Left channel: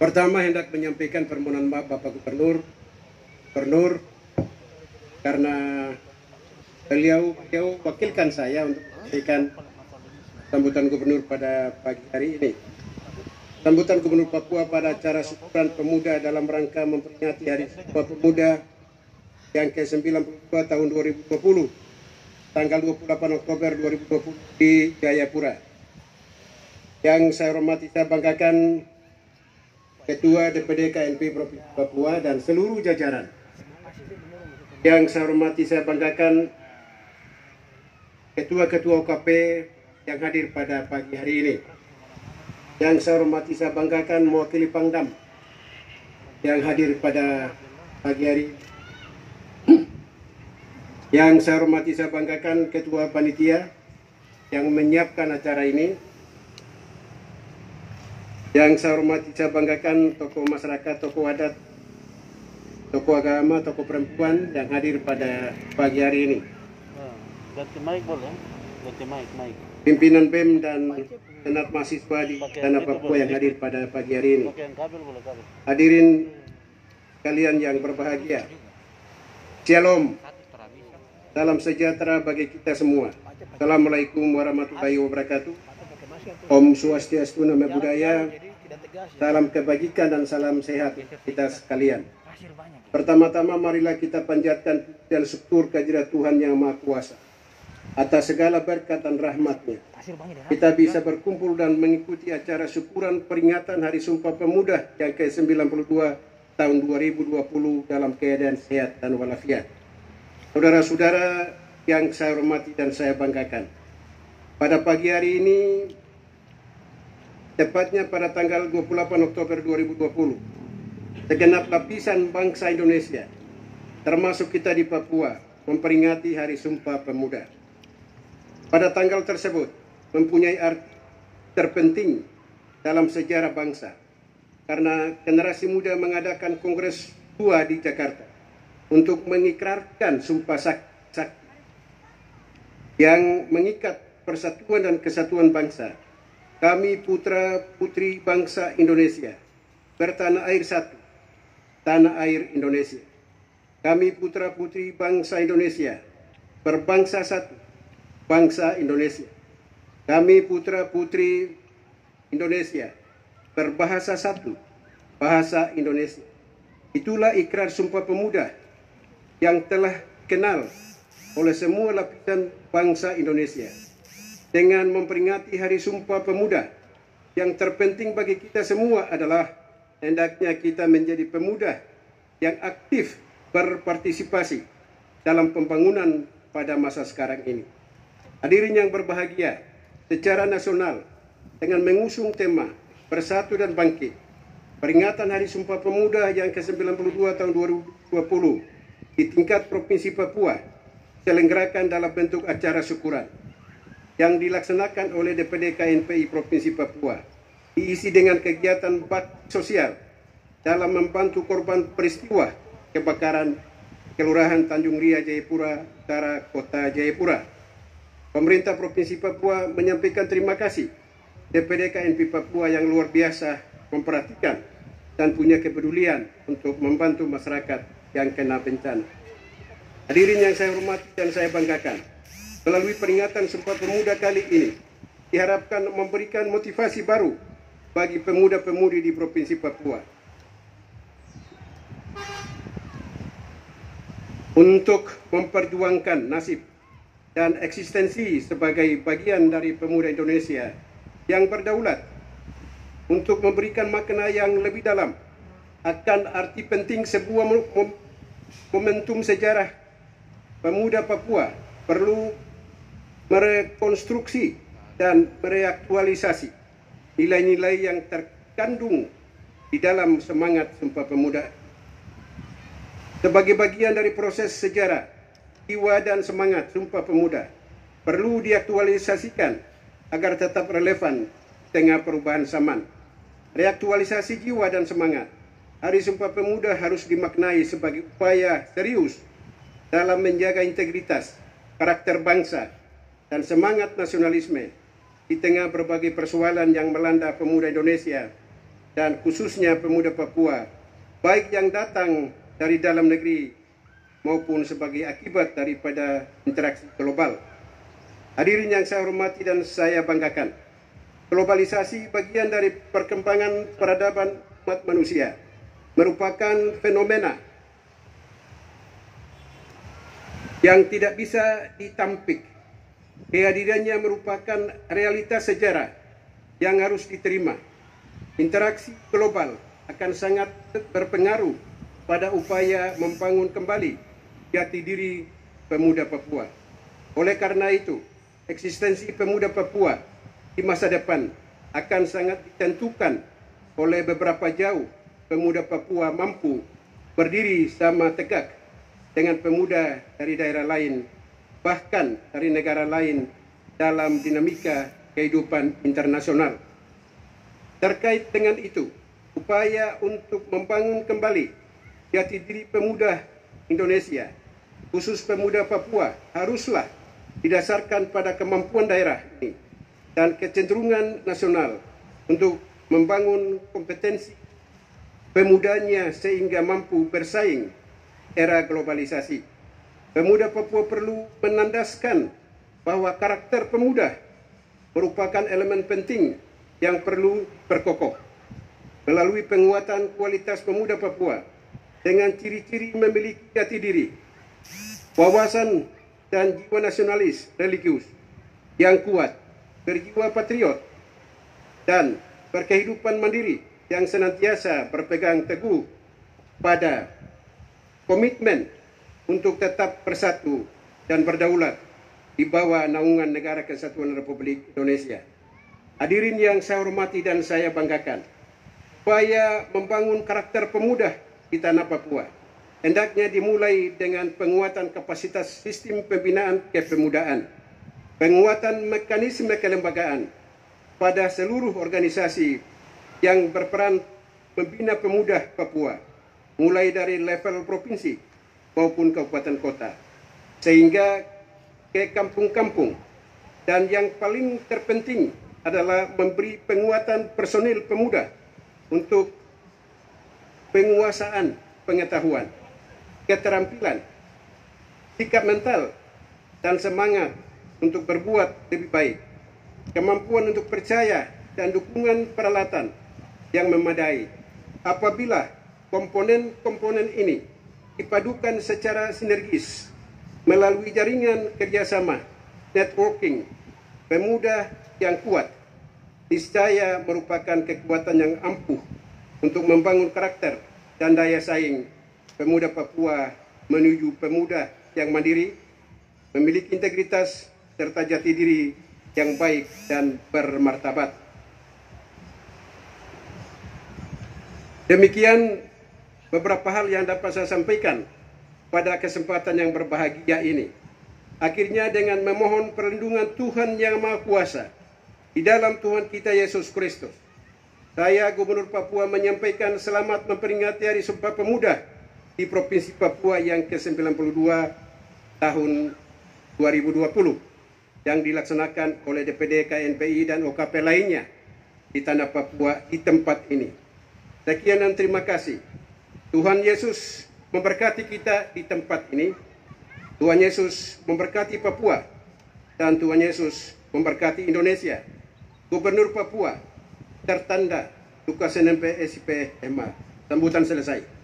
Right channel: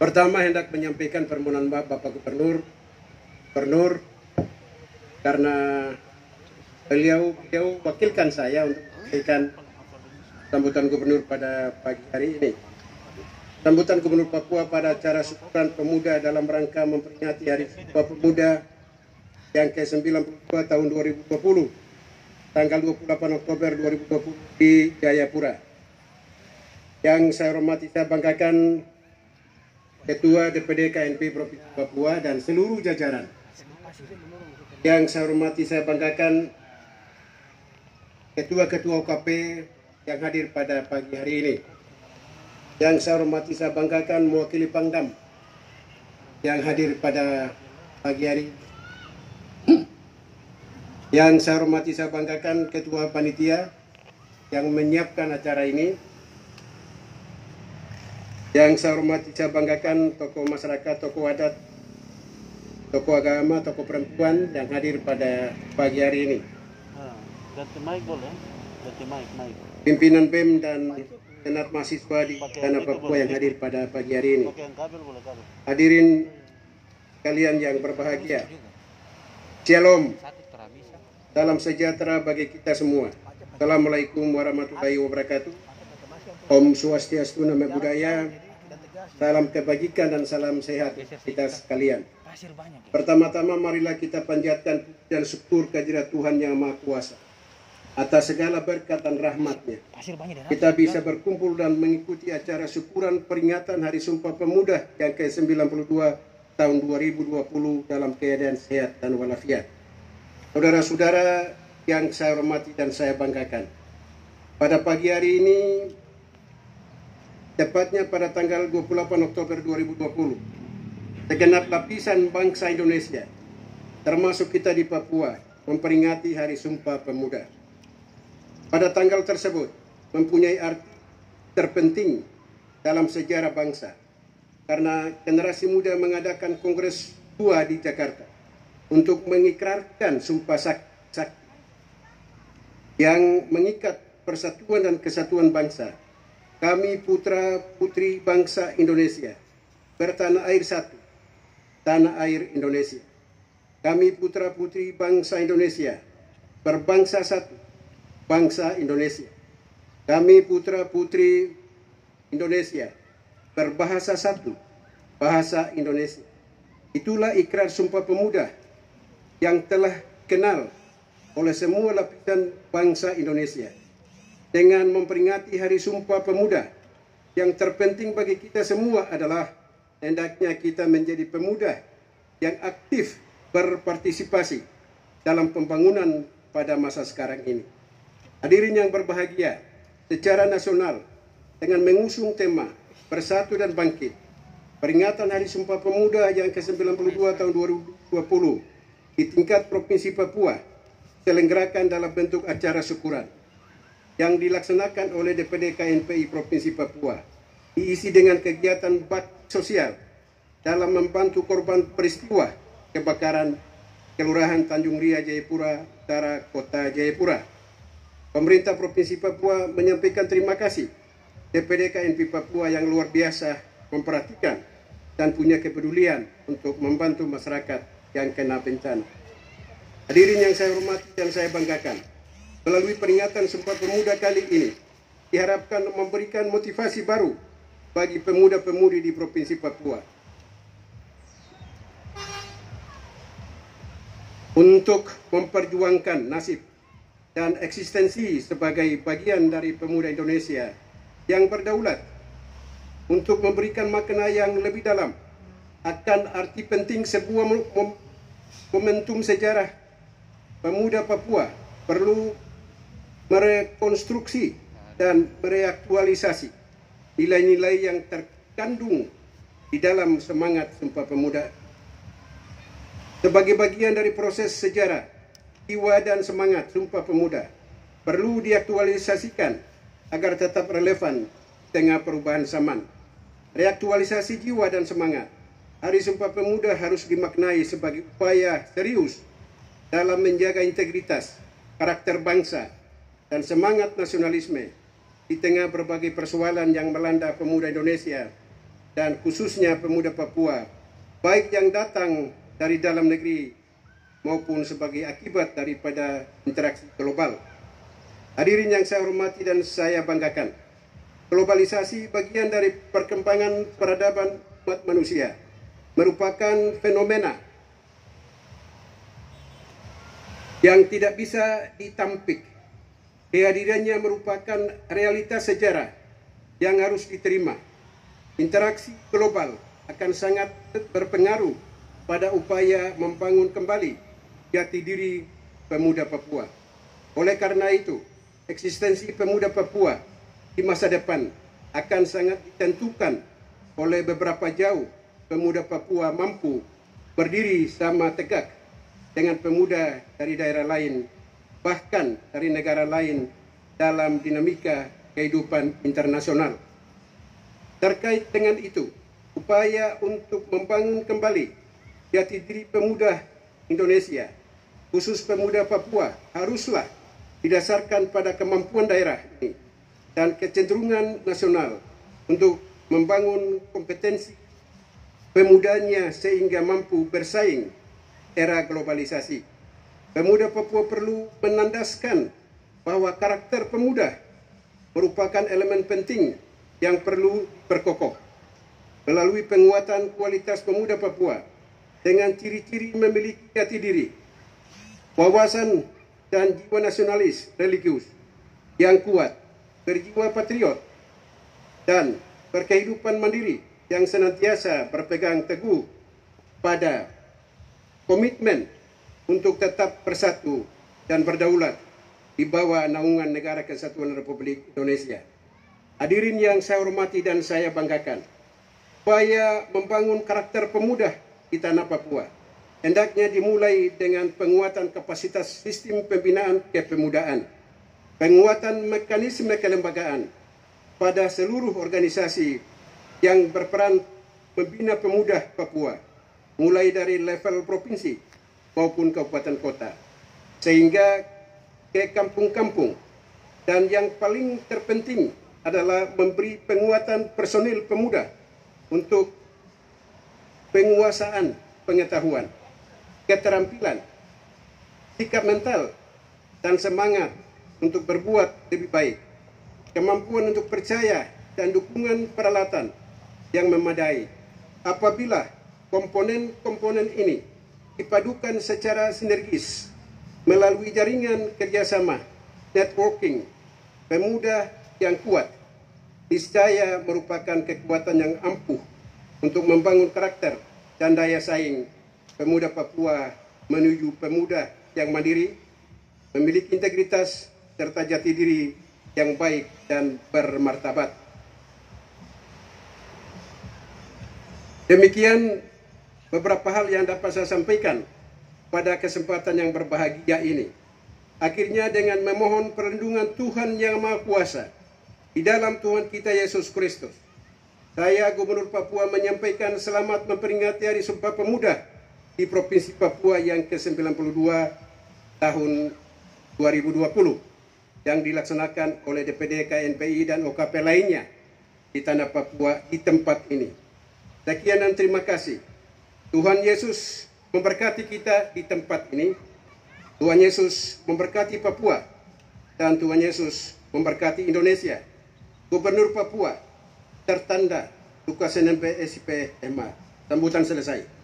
Pertama, hendak menyampaikan permohonan maaf Bapak Gubernur karena beliau wakilkan saya untuk menyampaikan sambutan Gubernur pada pagi hari ini. Sambutan Gubernur Papua pada acara syukuran pemuda dalam rangka memperingati Hari Sumpah Pemuda yang ke-92 tahun 2020, tanggal 28 Oktober 2020 di Jayapura. Yang saya hormati, saya banggakan Ketua DPD KNP Provinsi Papua dan seluruh jajaran. Yang saya hormati, saya banggakan Ketua-Ketua UKP yang hadir pada pagi hari ini. Yang saya hormati, saya banggakan mewakili Pangdam yang hadir pada pagi hari ini. Yang saya hormati, saya banggakan Ketua Panitia yang menyiapkan acara ini. Yang saya hormati, saya banggakan tokoh masyarakat, tokoh adat, tokoh agama, tokoh perempuan yang hadir pada pagi hari ini. Pimpinan BEM dan Senat Mahasiswa di Tanah Papua yang hadir pada pagi hari ini. Hadirin kalian yang berbahagia. Shalom. Salam sejahtera bagi kita semua. Assalamualaikum warahmatullahi wabarakatuh. Om Swastiastu, Namo Buddhaya, salam kebajikan dan salam sehat kita sekalian. Pertama-tama marilah kita panjatkan dan syukur kehadirat Tuhan yang Maha Kuasa atas segala berkat dan rahmat-Nya. Kita bisa berkumpul dan mengikuti acara syukuran peringatan Hari Sumpah Pemuda yang ke-92 tahun 2020 dalam keadaan sehat dan walafiat. Saudara-saudara yang saya hormati dan saya banggakan, pada pagi hari ini, tepatnya pada tanggal 28 Oktober 2020, segenap lapisan bangsa Indonesia, termasuk kita di Papua, memperingati Hari Sumpah Pemuda. Pada tanggal tersebut mempunyai arti terpenting dalam sejarah bangsa, karena generasi muda mengadakan Kongres 2 di Jakarta untuk mengikrarkan Sumpah Sakti yang mengikat persatuan dan kesatuan bangsa. Kami putra-putri bangsa Indonesia, bertanah air satu, tanah air Indonesia. Kami putra-putri bangsa Indonesia, berbangsa satu, bangsa Indonesia. Kami putra-putri Indonesia, berbahasa satu, bahasa Indonesia. Itulah ikrar Sumpah Pemuda yang telah kenal oleh semua lapisan bangsa Indonesia. Dengan memperingati Hari Sumpah Pemuda, yang terpenting bagi kita semua adalah hendaknya kita menjadi pemuda yang aktif berpartisipasi dalam pembangunan pada masa sekarang ini. Hadirin yang berbahagia, secara nasional dengan mengusung tema Bersatu dan Bangkit, peringatan Hari Sumpah Pemuda yang ke-92 tahun 2020 di tingkat Provinsi Papua diselenggarakan dalam bentuk acara syukuran yang dilaksanakan oleh DPD KNPI Provinsi Papua, diisi dengan kegiatan bakti sosial dalam membantu korban peristiwa kebakaran Kelurahan Tanjung Ria, Jayapura Utara, Kota Jayapura. Pemerintah Provinsi Papua menyampaikan terima kasih DPD KNPI Papua yang luar biasa memperhatikan dan punya kepedulian untuk membantu masyarakat yang kena bencana. Hadirin yang saya hormati dan saya banggakan, melalui peringatan Sumpah Pemuda kali ini, diharapkan memberikan motivasi baru bagi pemuda-pemudi di Provinsi Papua untuk memperjuangkan nasib dan eksistensi sebagai bagian dari pemuda Indonesia yang berdaulat, untuk memberikan makna yang lebih dalam akan arti penting sebuah momentum sejarah. Pemuda Papua perlu merekonstruksi dan mereaktualisasi nilai-nilai yang terkandung di dalam semangat Sumpah Pemuda. Sebagai bagian dari proses sejarah, jiwa dan semangat Sumpah Pemuda perlu diaktualisasikan agar tetap relevan dengan perubahan zaman. Reaktualisasi jiwa dan semangat Hari Sumpah Pemuda harus dimaknai sebagai upaya serius dalam menjaga integritas, karakter bangsa, dan semangat nasionalisme di tengah berbagai persoalan yang melanda pemuda Indonesia dan khususnya pemuda Papua, baik yang datang dari dalam negeri maupun sebagai akibat daripada interaksi global. Hadirin yang saya hormati dan saya banggakan, globalisasi bagian dari perkembangan peradaban umat manusia merupakan fenomena yang tidak bisa ditampik. Kehadirannya merupakan realitas sejarah yang harus diterima. Interaksi global akan sangat berpengaruh pada upaya membangun kembali jati diri pemuda Papua. Oleh karena itu, eksistensi pemuda Papua di masa depan akan sangat ditentukan oleh beberapa jauh pemuda Papua mampu berdiri sama tegak dengan pemuda dari daerah lain, bahkan dari negara lain dalam dinamika kehidupan internasional. Terkait dengan itu, upaya untuk membangun kembali jati diri pemuda Indonesia, khusus pemuda Papua, haruslah didasarkan pada kemampuan daerah ini dan kecenderungan nasional untuk membangun kompetensi pemudanya sehingga mampu bersaing era globalisasi. Pemuda Papua perlu menandaskan bahwa karakter pemuda merupakan elemen penting yang perlu berkokoh. Melalui penguatan kualitas pemuda Papua dengan ciri-ciri memiliki jati diri, wawasan dan jiwa nasionalis religius yang kuat, berjiwa patriot, dan berkehidupan mandiri yang senantiasa berpegang teguh pada komitmen untuk tetap bersatu dan berdaulat di bawah naungan Negara Kesatuan Republik Indonesia. Hadirin yang saya hormati dan saya banggakan, upaya membangun karakter pemuda di tanah Papua hendaknya dimulai dengan penguatan kapasitas sistem pembinaan kepemudaan, penguatan mekanisme kelembagaan pada seluruh organisasi yang berperan membina pemuda Papua, mulai dari level provinsi maupun kabupaten kota, sehingga ke kampung-kampung. Dan yang paling terpenting adalah memberi penguatan personil pemuda untuk penguasaan pengetahuan, keterampilan, sikap mental, dan semangat untuk berbuat lebih baik, kemampuan untuk percaya, dan dukungan peralatan yang memadai. Apabila komponen-komponen ini dipadukan secara sinergis melalui jaringan kerjasama, networking, pemuda yang kuat, niscaya merupakan kekuatan yang ampuh untuk membangun karakter dan daya saing pemuda Papua menuju pemuda yang mandiri, memiliki integritas serta jati diri yang baik dan bermartabat. Demikian beberapa hal yang dapat saya sampaikan pada kesempatan yang berbahagia ini. Akhirnya dengan memohon perlindungan Tuhan Yang Maha Kuasa di dalam Tuhan kita Yesus Kristus, saya Gubernur Papua menyampaikan selamat memperingati Hari Sumpah Pemuda di Provinsi Papua yang ke-92 tahun 2020 yang dilaksanakan oleh DPD KNPI dan OKP lainnya di tanah Papua di tempat ini. Sekian dan terima kasih. Tuhan Yesus memberkati kita di tempat ini. Tuhan Yesus memberkati Papua. Dan Tuhan Yesus memberkati Indonesia. Gubernur Papua tertanda Lukas NMP SIP MA. Sambutan selesai.